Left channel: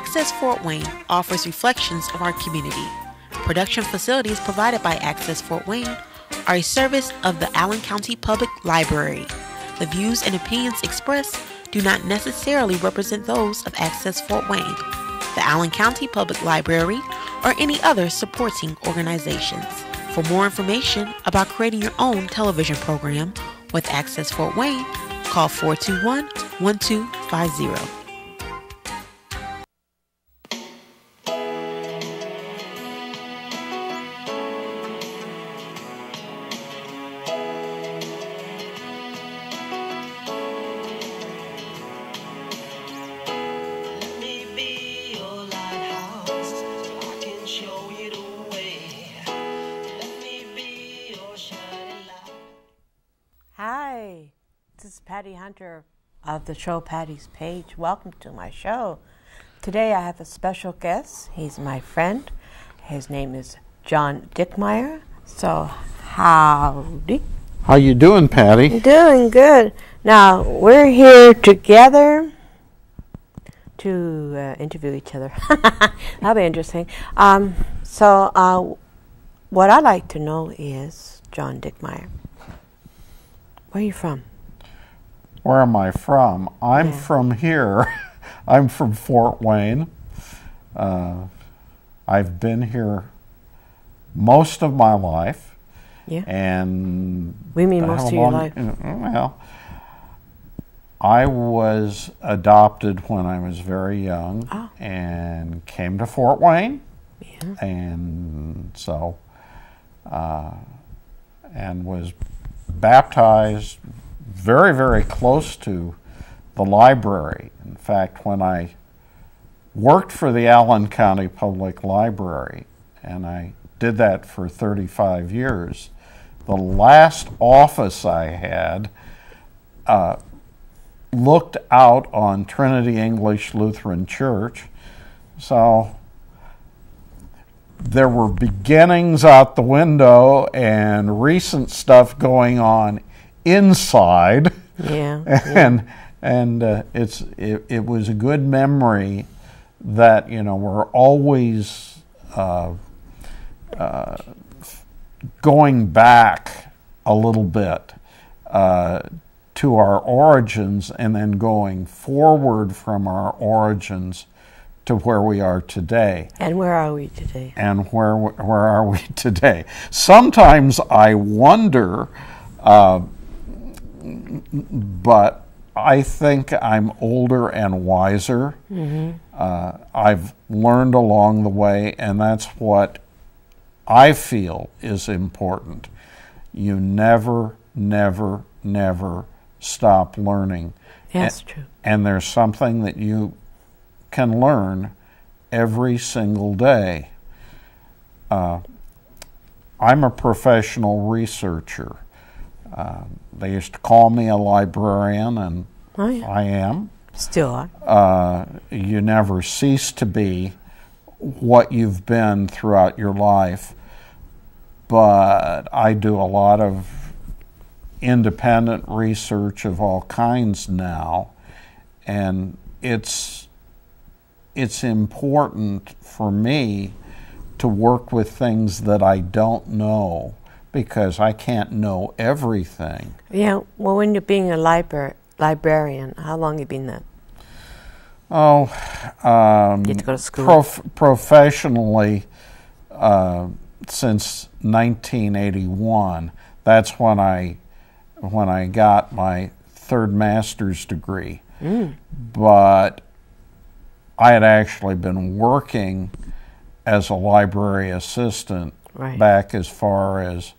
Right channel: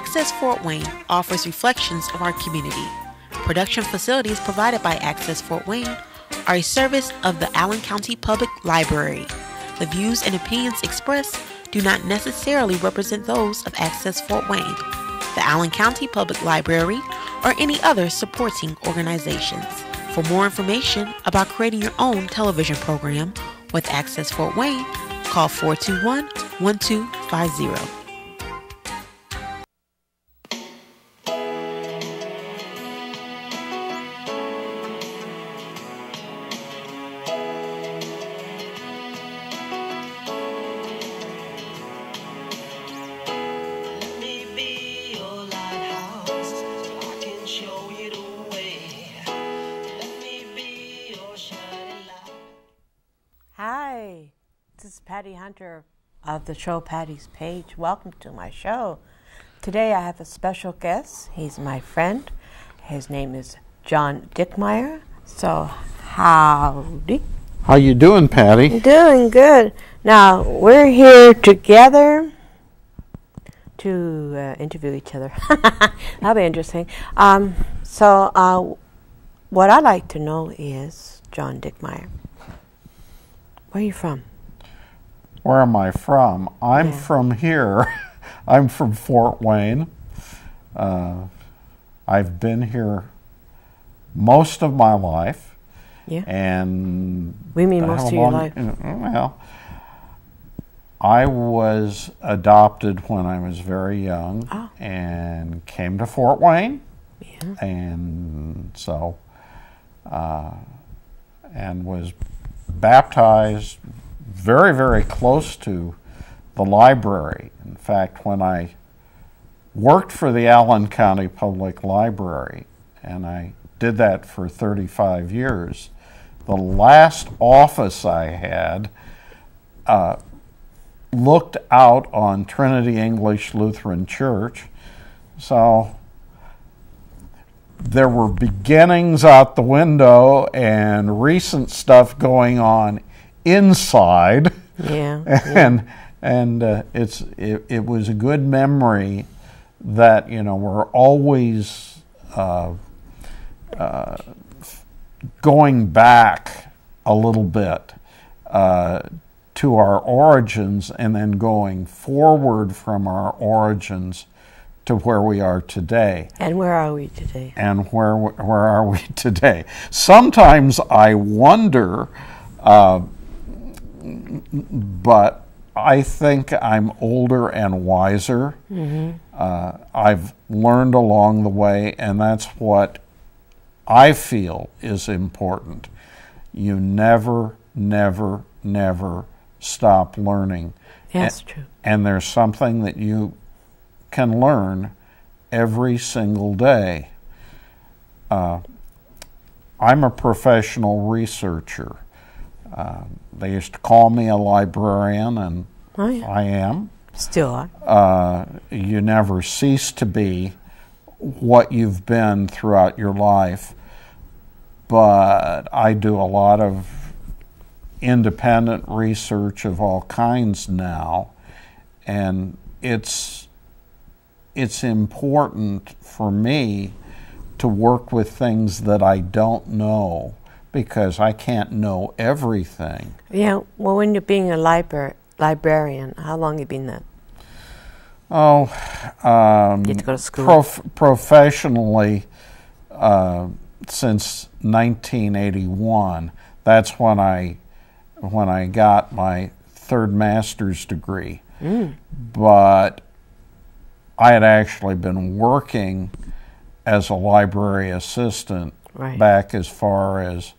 Access Fort Wayne offers reflections of our community. Production facilities provided by Access Fort Wayne are a service of the Allen County Public Library. The views and opinions expressed do not necessarily represent those of Access Fort Wayne, the Allen County Public Library, or any other supporting organizations. For more information about creating your own television program with Access Fort Wayne, call 421-1250. Patty Hunter of the show Patty's Page. Welcome to my show. Today I have a special guest. He's my friend. His name is John Dickmeyer. So, howdy. How you doing, Patty? Doing good. Now, we're here together to interview each other. That'll be interesting. What I'd like to know is, John Dickmeyer, where are you from? Where am I from? I'm from here. I'm from Fort Wayne. I've been here most of my life. Yeah. And we mean most of your life? Well, I was adopted when I was very young and came to Fort Wayne. Yeah. And so, and was baptized very, very close to the library. In fact, when I worked for the Allen County Public Library, and I did that for 35 years, the last office I had looked out on Trinity English Lutheran Church. So there were beginnings out the window and recent stuff going on inside. And it was a good memory that, you know, we're always going back a little bit to our origins and then going forward from our origins to where we are today. And where are we today? And where are we today? Sometimes I wonder, but I think I'm older and wiser. I've learned along the way, and that's what I feel is important. You never, never, never stop learning. That's true. And there's something that you can learn every single day. I'm a professional researcher. They used to call me a librarian, and I am. Still are. You never cease to be what you've been throughout your life, but I do a lot of independent research of all kinds now, and it's important for me to work with things that I don't know, because I can't know everything. Yeah, well, when you're being a librarian, how long have you been that? Oh, you have to go to school? Professionally, since 1981. That's when I got my third master's degree. But I had actually been working as a library assistant back as far as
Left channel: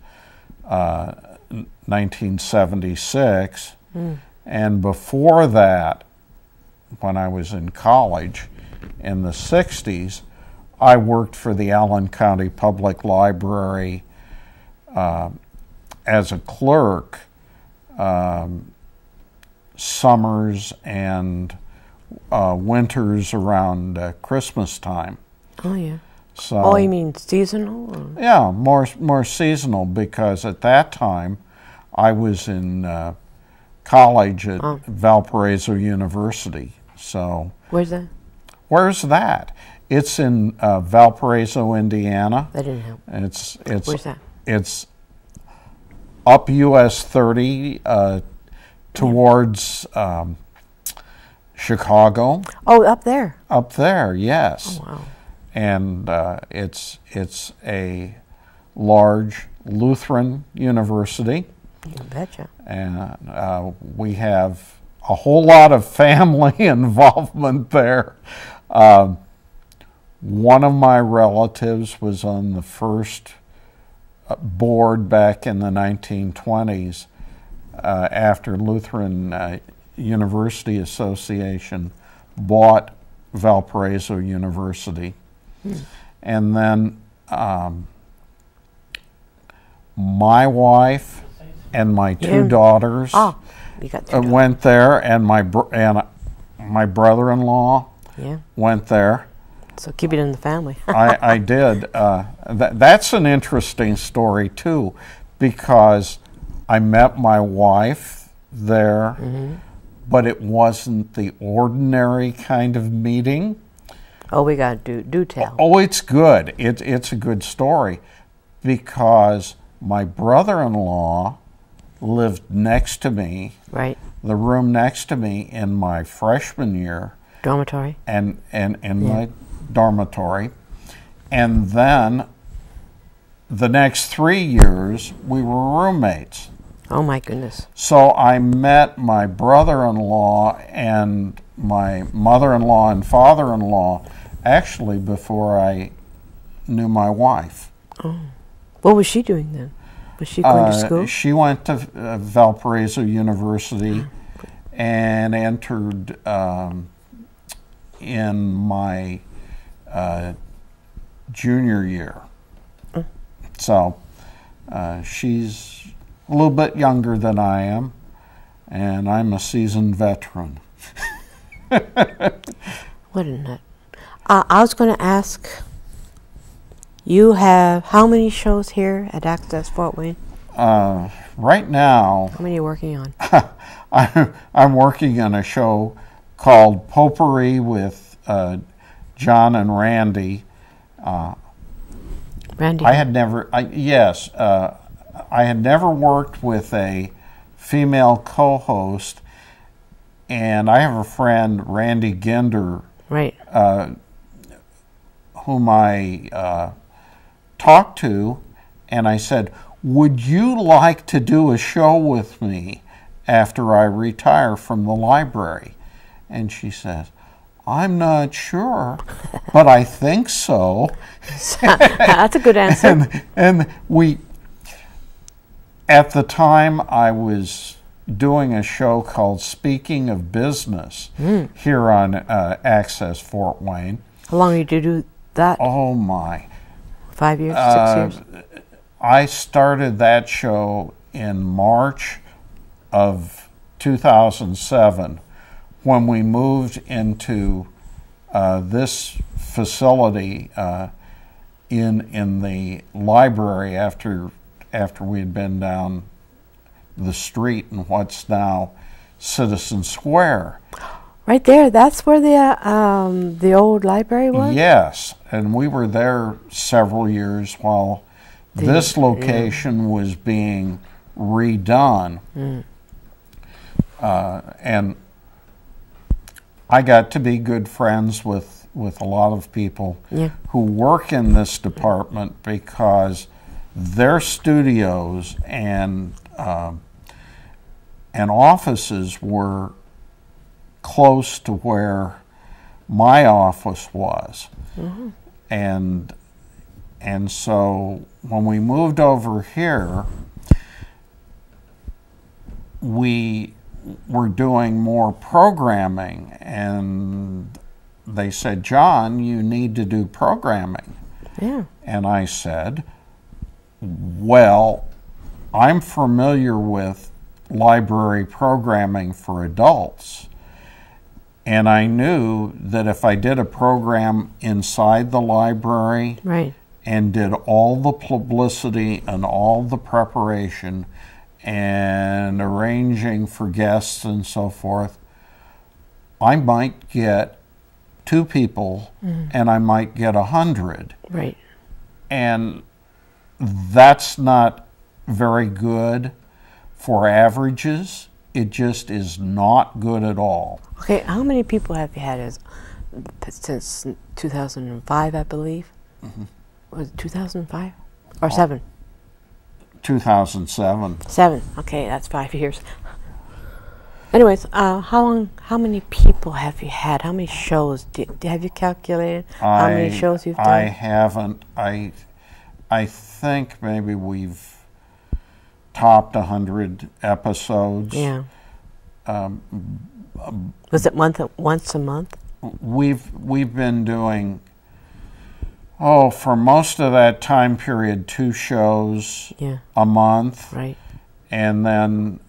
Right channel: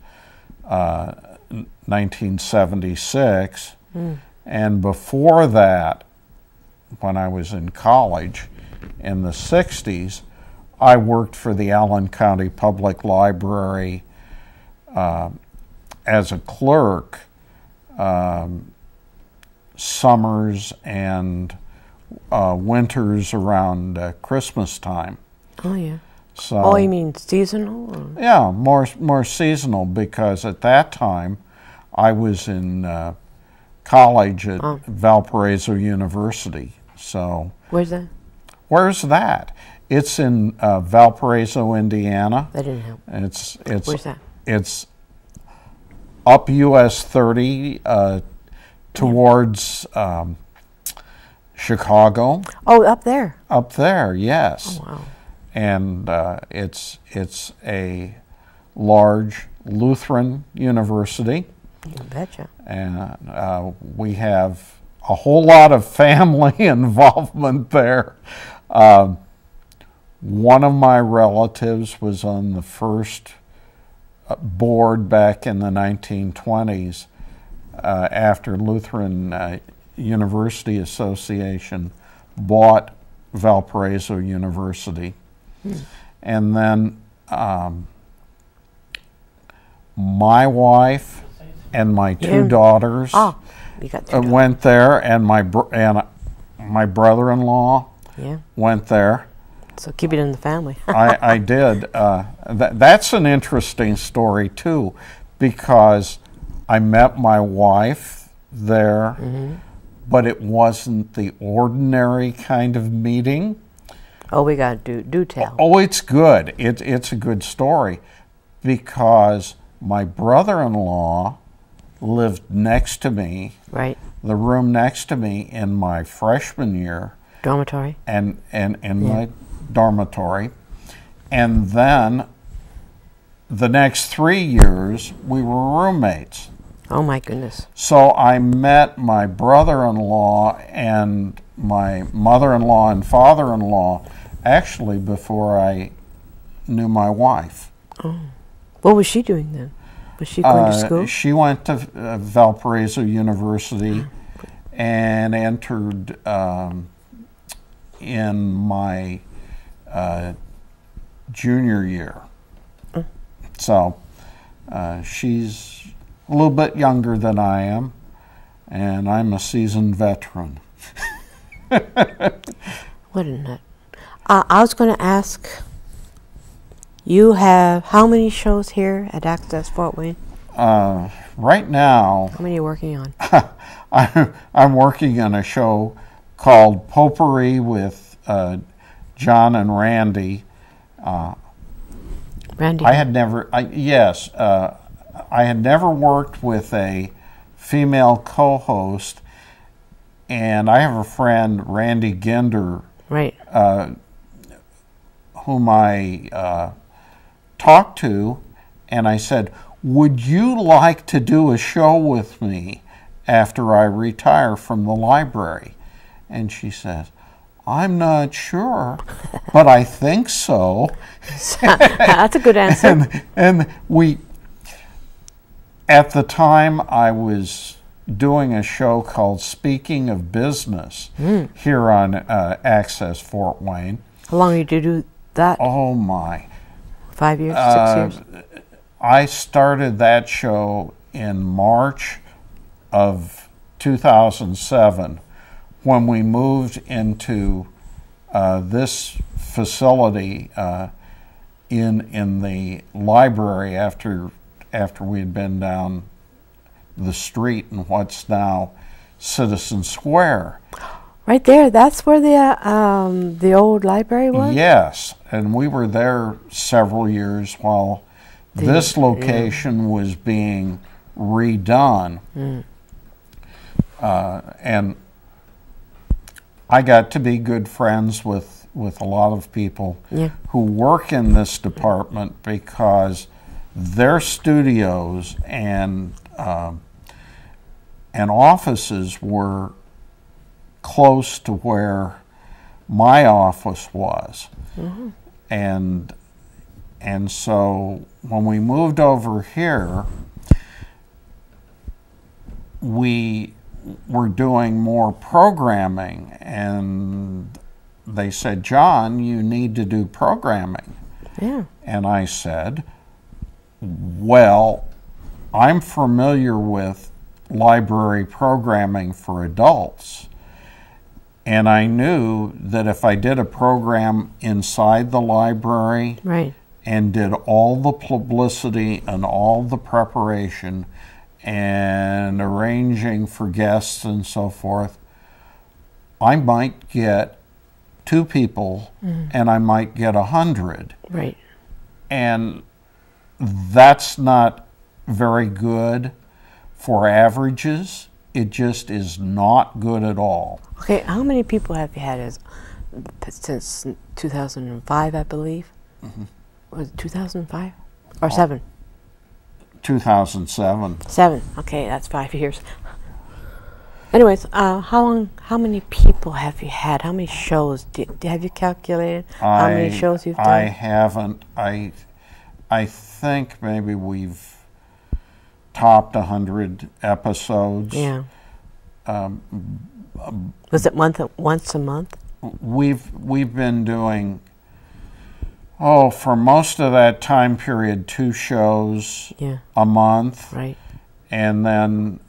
1976. And before that, when I was in college in the 60s, I worked for the Allen County Public Library as a clerk summers and winters around Christmas time. Oh, yeah. So, oh, you mean seasonal? Or? Yeah, more seasonal, because at that time I was in college at Valparaiso University. So where's that? Where's that? It's in Valparaiso, Indiana. That didn't help. Where's that? It's up US 30 towards Chicago. Oh, up there. Up there, yes. Oh, wow. And it's a large Lutheran university. You betcha. And we have a whole lot of family involvement there. One of my relatives was on the first board back in the 1920s after Lutheran University Association bought Valparaiso University. And then my wife and my two daughters went there, and my brother-in-law went there. So keep it in the family. I did. That's an interesting story, too, because I met my wife there, but it wasn't the ordinary kind of meeting. Oh, we got to do tell. Oh, it's good. It's a good story because my brother-in-law lived next to me, right, the room next to me in my freshman year. Dormitory? And my dormitory. And then the next 3 years, we were roommates. Oh, my goodness. So I met my brother-in-law and my mother-in-law and father-in-law actually before I knew my wife. Oh. What was she doing then? Was she going to school? She went to Valparaiso University and entered in my junior year. So she's a little bit younger than I am, and I'm a seasoned veteran. What a nut. I was going to ask, you have how many shows here at Access Fort Wayne? Right now... How many are you working on? I'm working on a show called Potpourri with John and Randy. Randy? I had never worked with a female co-host, and I have a friend, Randy Ginder, right, whom I talked to, and I said, would you like to do a show with me after I retire from the library? And she says, I'm not sure, but I think so. That's a good answer. And we, at the time, I was doing a show called Speaking of Business here on Access Fort Wayne. How long did you do that? Oh, my. 5 years, 6 years? I started that show in March of 2007 when we moved into this facility in the library after we had been down the street in what's now Citizen Square. Right there, that's where the old library was? Yes, and we were there several years while this location was being redone. And I got to be good friends with a lot of people who work in this department because their studios and offices were close to where my office was. And so when we moved over here, we were doing more programming, and they said, John, you need to do programming. And I said, well, I'm familiar with library programming for adults, and I knew that if I did a program inside the library and did all the publicity and all the preparation and arranging for guests and so forth, I might get 2 people, and I might get 100. Right. And that's not very good for averages. It just is not good at all. Okay, how many people have you had since 2005, I believe? Was it 2005? Or 7? 2007. 7. Okay, that's 5 years. Anyways, how many people have you had? How many shows? Have you calculated how many shows you've done? I haven't. I think maybe we've topped 100 episodes. Yeah. Was it once a month? We've been doing, for most of that time period, 2 shows a month. Right. And then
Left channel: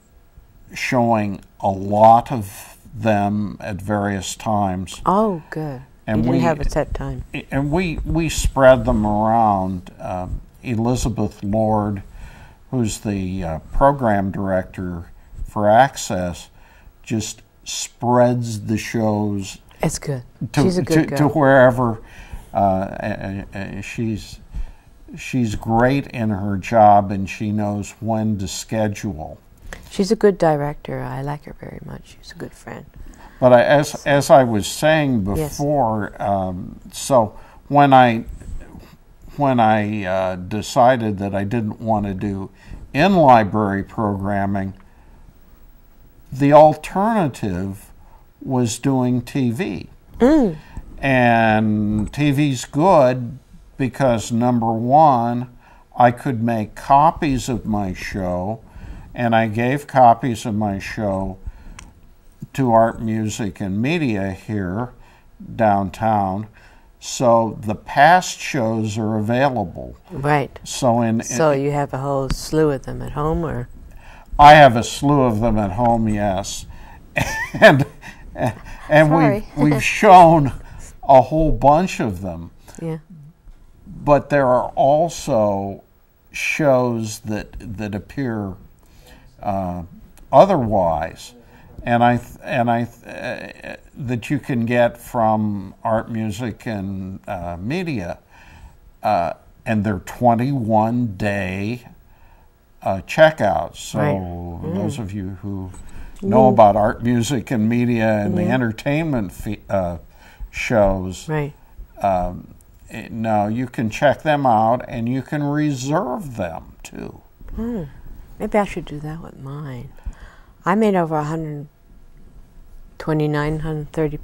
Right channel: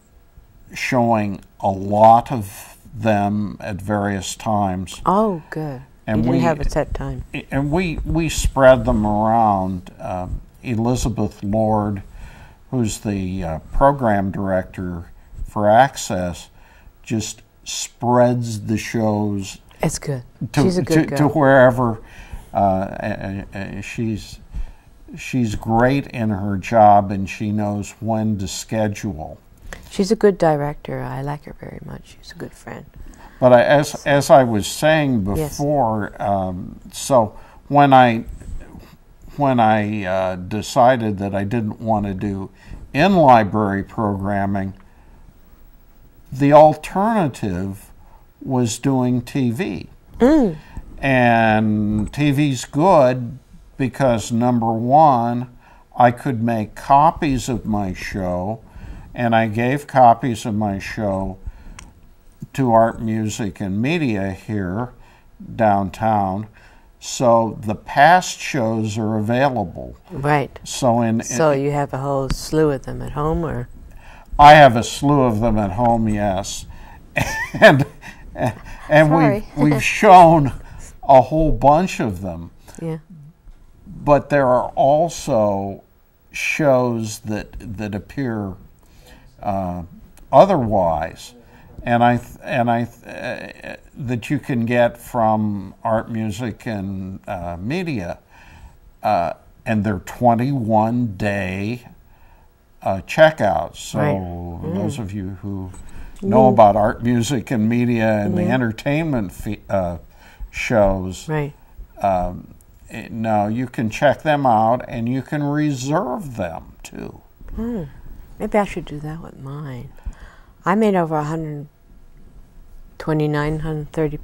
showing a lot of them at various times. Oh, good. And you didn't have a set time. And we spread them around. Elizabeth Lord, who's the program director for Access, just spreads the shows. It's good. She's a good girl. To wherever. She's great in her job, and she knows when to schedule. She's a good director. I like her very much. She's a good friend. But as I was saying before, so when I decided that I didn't want to do in-library programming, the alternative was doing TV. And TV's good because, number one, I could make copies of my show, and I gave copies of my show to Art, Music, and Media here downtown. So the past shows are available. Right. So you have a whole slew of them at home, or? I have a slew of them at home, yes. and we've shown a whole bunch of them. Yeah. But there are also shows that appear otherwise, and that you can get from Art, Music, and Media, and they're 21-day checkouts. So those of you who know about Art, Music, and Media and the entertainment shows, right. Now you can check them out, and you can reserve them too. Maybe I should do that with mine. I made over 129, 130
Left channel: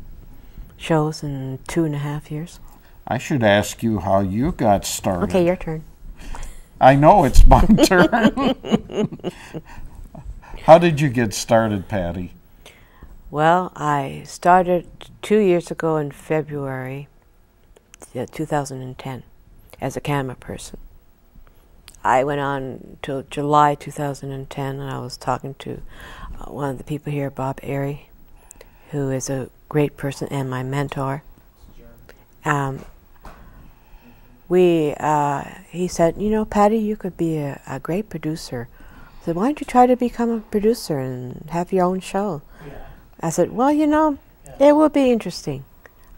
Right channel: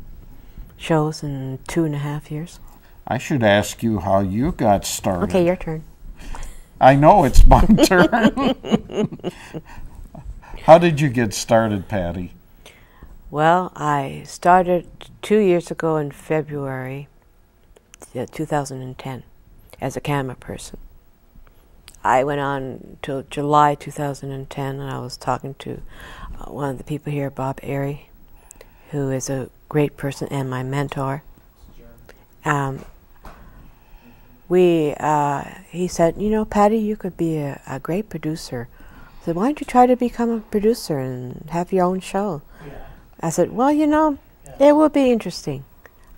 shows in 2.5 years. I should ask you how you got started. Okay, your turn. I know it's my turn. How did you get started, Patty? Well, I started 2 years ago in February 2010 as a camera person. I went on till July 2010, and I was talking to one of the people here, Bob Airy, who is a great person and my mentor. He said, Patty, you could be a great producer. I said, why don't you try to become a producer and have your own show? I said, well, it will be interesting.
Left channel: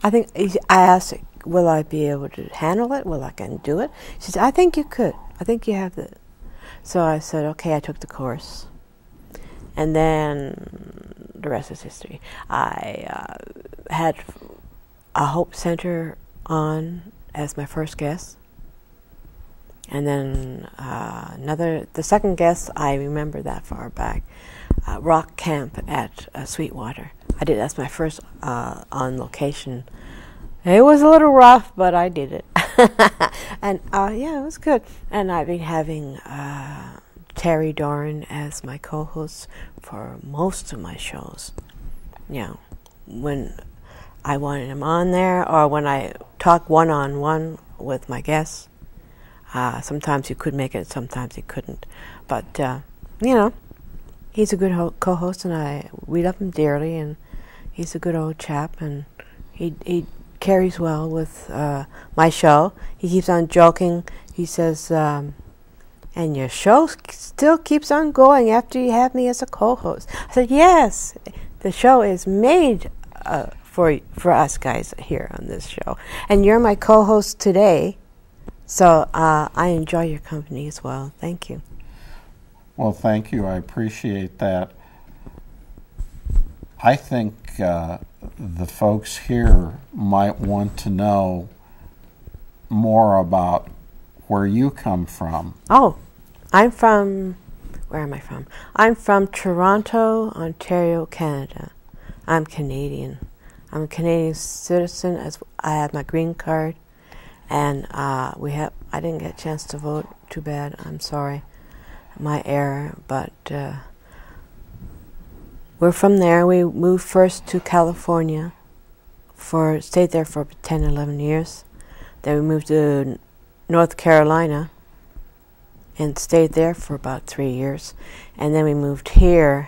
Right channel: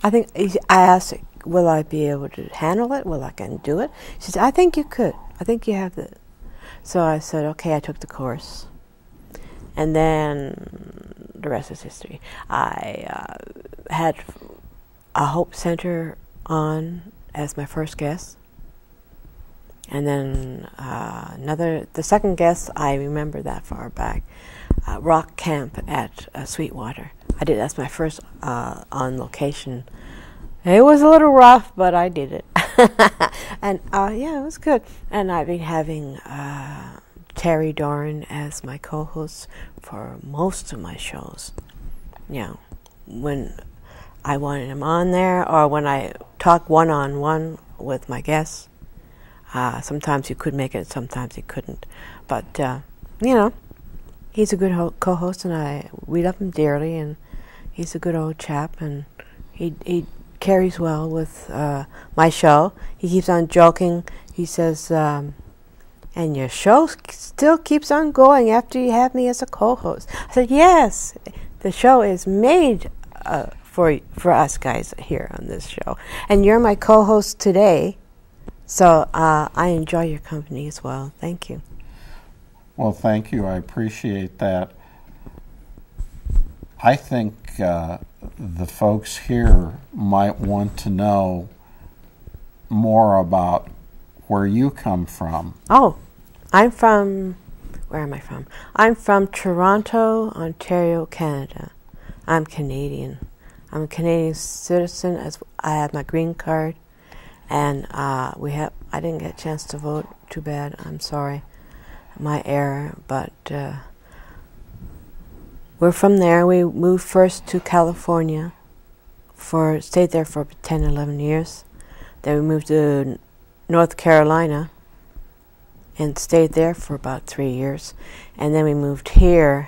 I asked, will I be able to handle it? Will I can do it? She said, I think you could. I think you have the... So I said, okay, I took the course. And then the rest is history. I had a Hope Center on as my first guest. And then the second guest, I remember that far back, Rock Camp at Sweetwater. That's my first on location. It was a little rough, but I did it. And it was good. And I've been having Terry Doran as my co-host for most of my shows. When I wanted him on there, or when I talk one-on-one with my guests. Sometimes he could make it, sometimes he couldn't. But, he's a good co-host, and we love him dearly, and he's a good old chap, and he carries well with my show. He keeps on joking. He says, and your show still keeps on going after you have me as a co-host. I said, yes, the show is made for us guys here on this show. And you're my co-host today, so I enjoy your company as well. Thank you. Well, thank you. I appreciate that. I think the folks here might want to know more about where you come from. Oh, I'm from... Where am I from? I'm from Toronto, Ontario, Canada. I'm Canadian. I'm a Canadian citizen. As I have my green card, and I didn't get a chance to vote. Too bad. I'm sorry, my error. But we're from there. We moved first to California. Stayed there for 10, 11 years. Then we moved to North Carolina and stayed there for about 3 years. And then we moved here.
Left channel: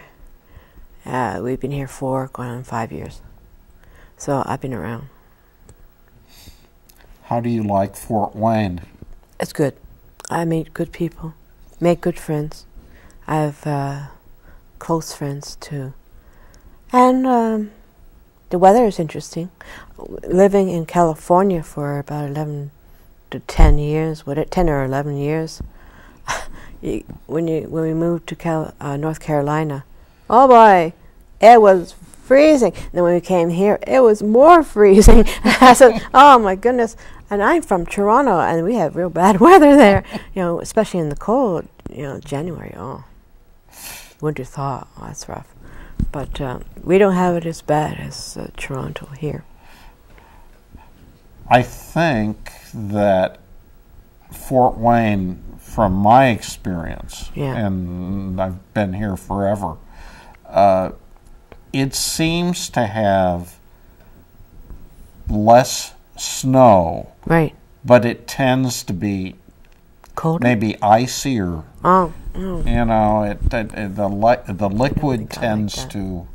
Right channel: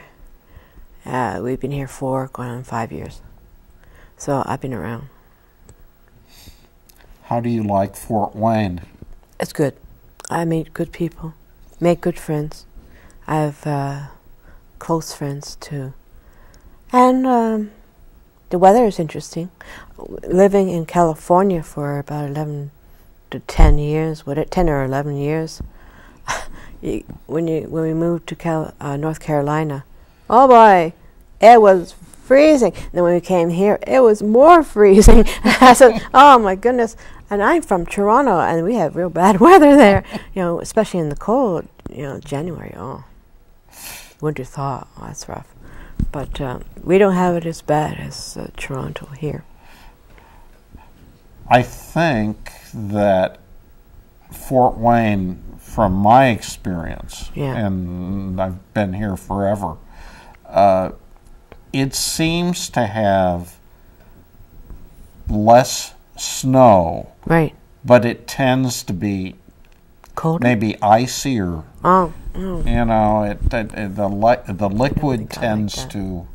We've been here going on 5 years. So I've been around. How do you like Fort Wayne? It's good. I meet good people, make good friends. I have close friends too. And the weather is interesting. Living in California for about 11 to 10 years, 10 or 11 years, when we moved to North Carolina, oh boy, it was freezing. And then when we came here, it was more freezing. I said, oh my goodness. And I'm from Toronto, and we have real bad weather there, especially in the cold, January. Oh, winter thaw. Oh, that's rough. But we don't have it as bad as Toronto here. I think that Fort Wayne, from my experience, and I've been here forever, it seems to have less snow, right? But it tends to be colder, maybe icier. Oh. The liquid tends to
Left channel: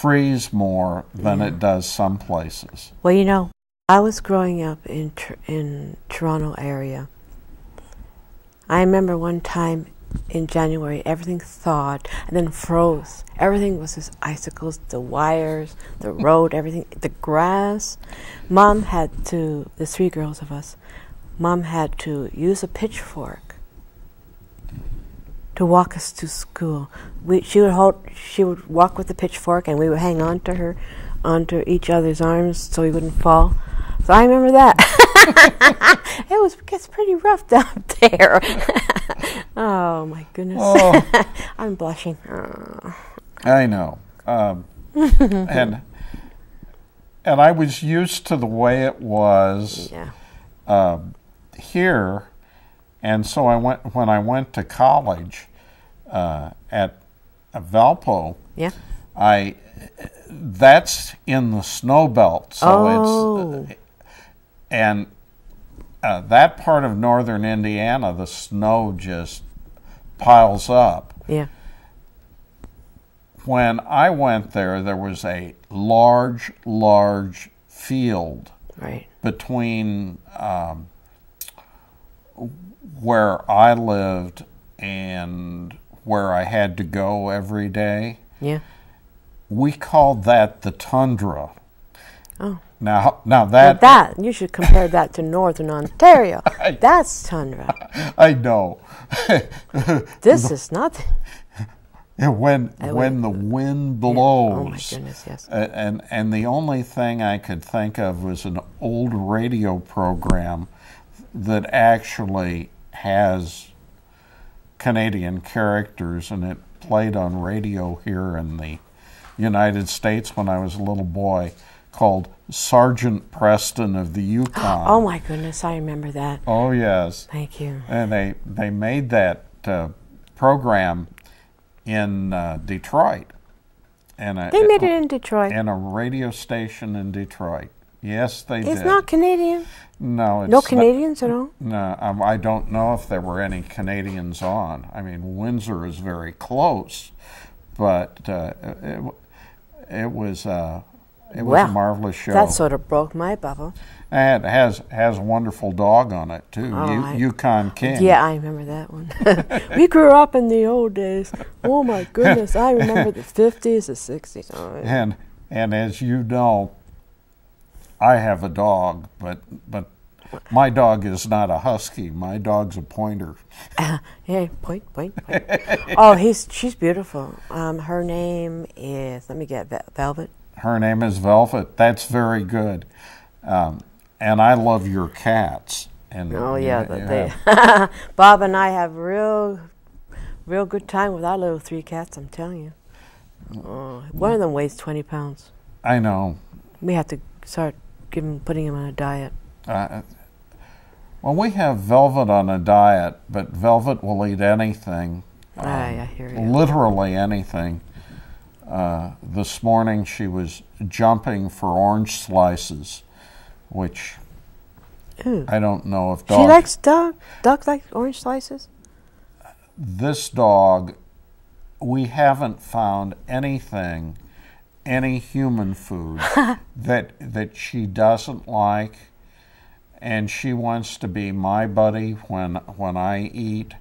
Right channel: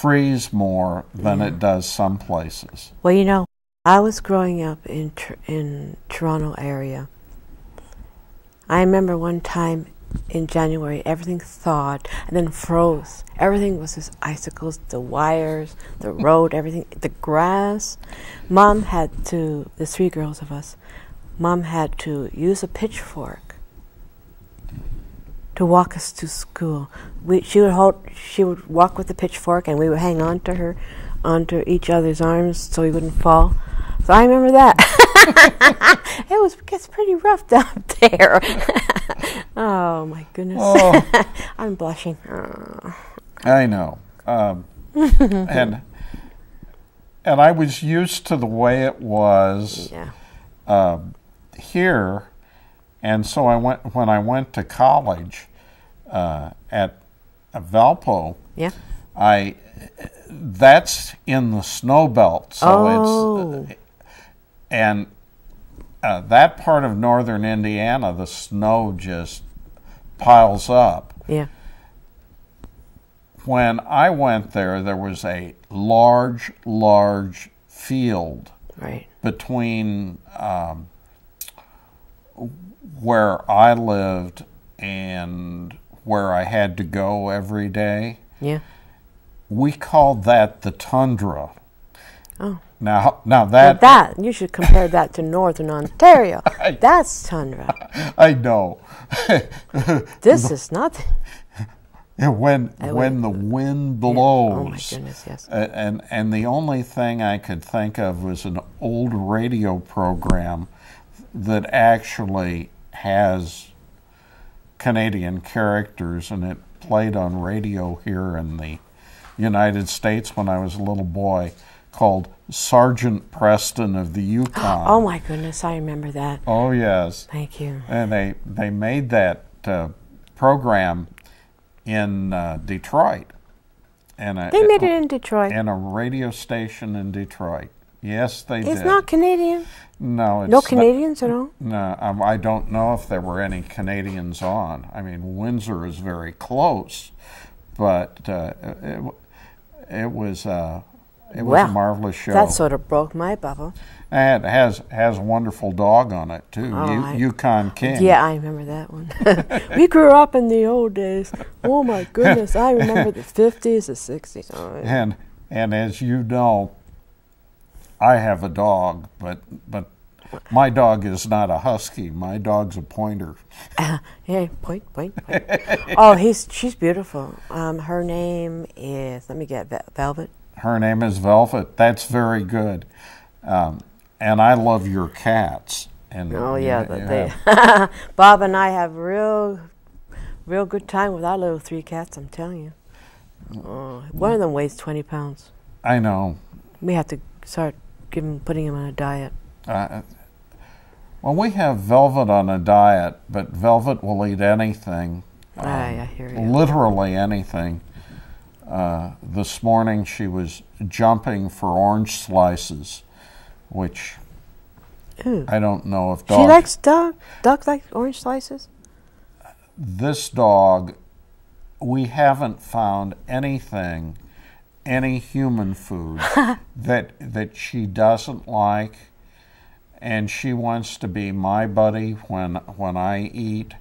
freeze more than it does some places. Well, I was growing up in Toronto area. I remember one time in January, everything thawed and then froze. Everything was just icicles, the wires, the road, everything, the grass. The 3 girls of us, Mom had to use a pitchfork to walk us to school. She would walk with the pitchfork, and we would hang on to her, onto each other's arms so we wouldn't fall. So I remember that. It gets pretty rough down there. Oh my goodness. Oh. I'm blushing. Oh. I know. And I was used to the way it was here, and so when I went to college at Valpo. Yeah. That's in the snow belt, so that part of northern Indiana, the snow just piles up. Yeah. When I went there was a large field between where I lived and where I had to go every day. Yeah. We called that the tundra. Oh. Now that you should compare that to northern Ontario. That's tundra. I know. This is nothing. When the wind blows. Oh my goodness, yes. And the only thing I could think of was an old radio program that actually has Canadian characters, and it played on radio here in the United States when I was a little boy, called Sergeant Preston of the Yukon. Oh my goodness, I remember that. Oh yes. Thank you. And they made that program in Detroit. They made it in Detroit. In a radio station in Detroit. Yes, they did. It's not Canadian? No, it's no Canadians at all? No, I don't know if there were any Canadians on. I mean, Windsor is very close, but it was a marvelous show. That sort of broke my bubble. And it has a wonderful dog on it too, Yukon King. Yeah, I remember that one. We grew up in the old days. Oh my goodness, I remember the 50s, the 60s. Oh, yeah. And as you know, I have a dog, but my dog is not a husky. My dog's a pointer. Yeah, point. Oh, she's beautiful. Her name is, let me get Velvet. Her name is Velvet. That's very good. And I love your cats. And Oh yeah, they Bob and I have real good time with our little 3 cats. I'm telling you. One of them weighs 20 pounds. I know. We have to start putting him on a diet. Well, we have Velvet on a diet, but Velvet will eat anything. I hear you. Literally anything. This morning she was jumping for orange slices, which Ooh. I don't know if She likes dogs like orange slices? This dog, we haven't found anything, any human food that she doesn't like, and she wants to be my buddy when I eat.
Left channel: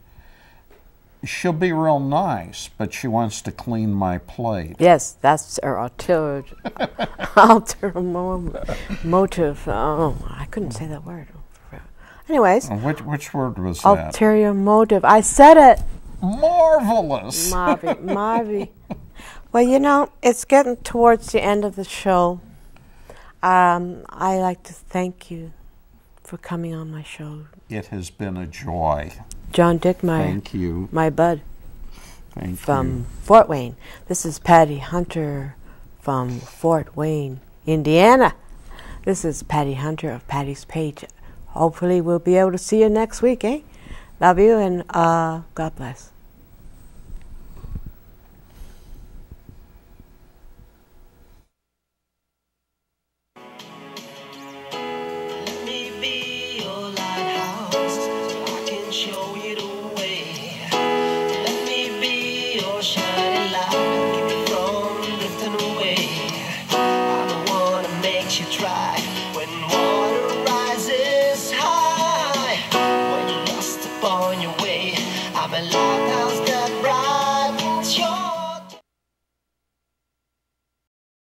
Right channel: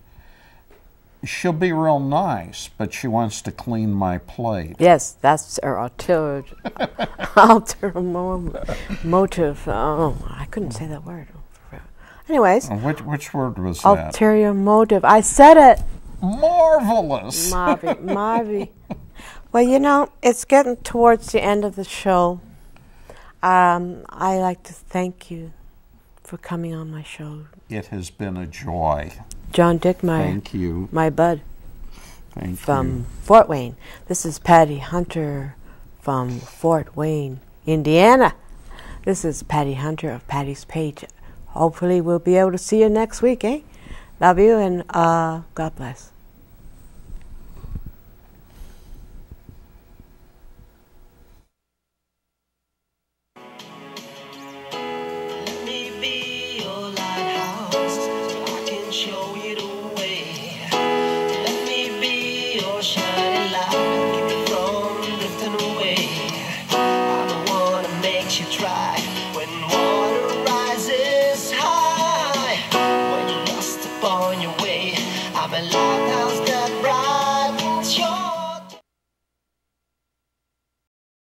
She'll be real nice, but she wants to clean my plate. Yes, that's her ulterior motive. Oh, I couldn't say that word. Anyways. Which word was that? Ulterior motive. I said it. Marvelous. Marvy. Well, you know, it's getting towards the end of the show. I like to thank you for coming on my show. It has been a joy. John Dickmeyer. Thank you. My bud. Thank from you. Fort Wayne. This is Patty Hunter from Fort Wayne, Indiana. This is Patty Hunter of Patty's Page. Hopefully we'll be able to see you next week, eh? Love you, and God bless. I'm alive.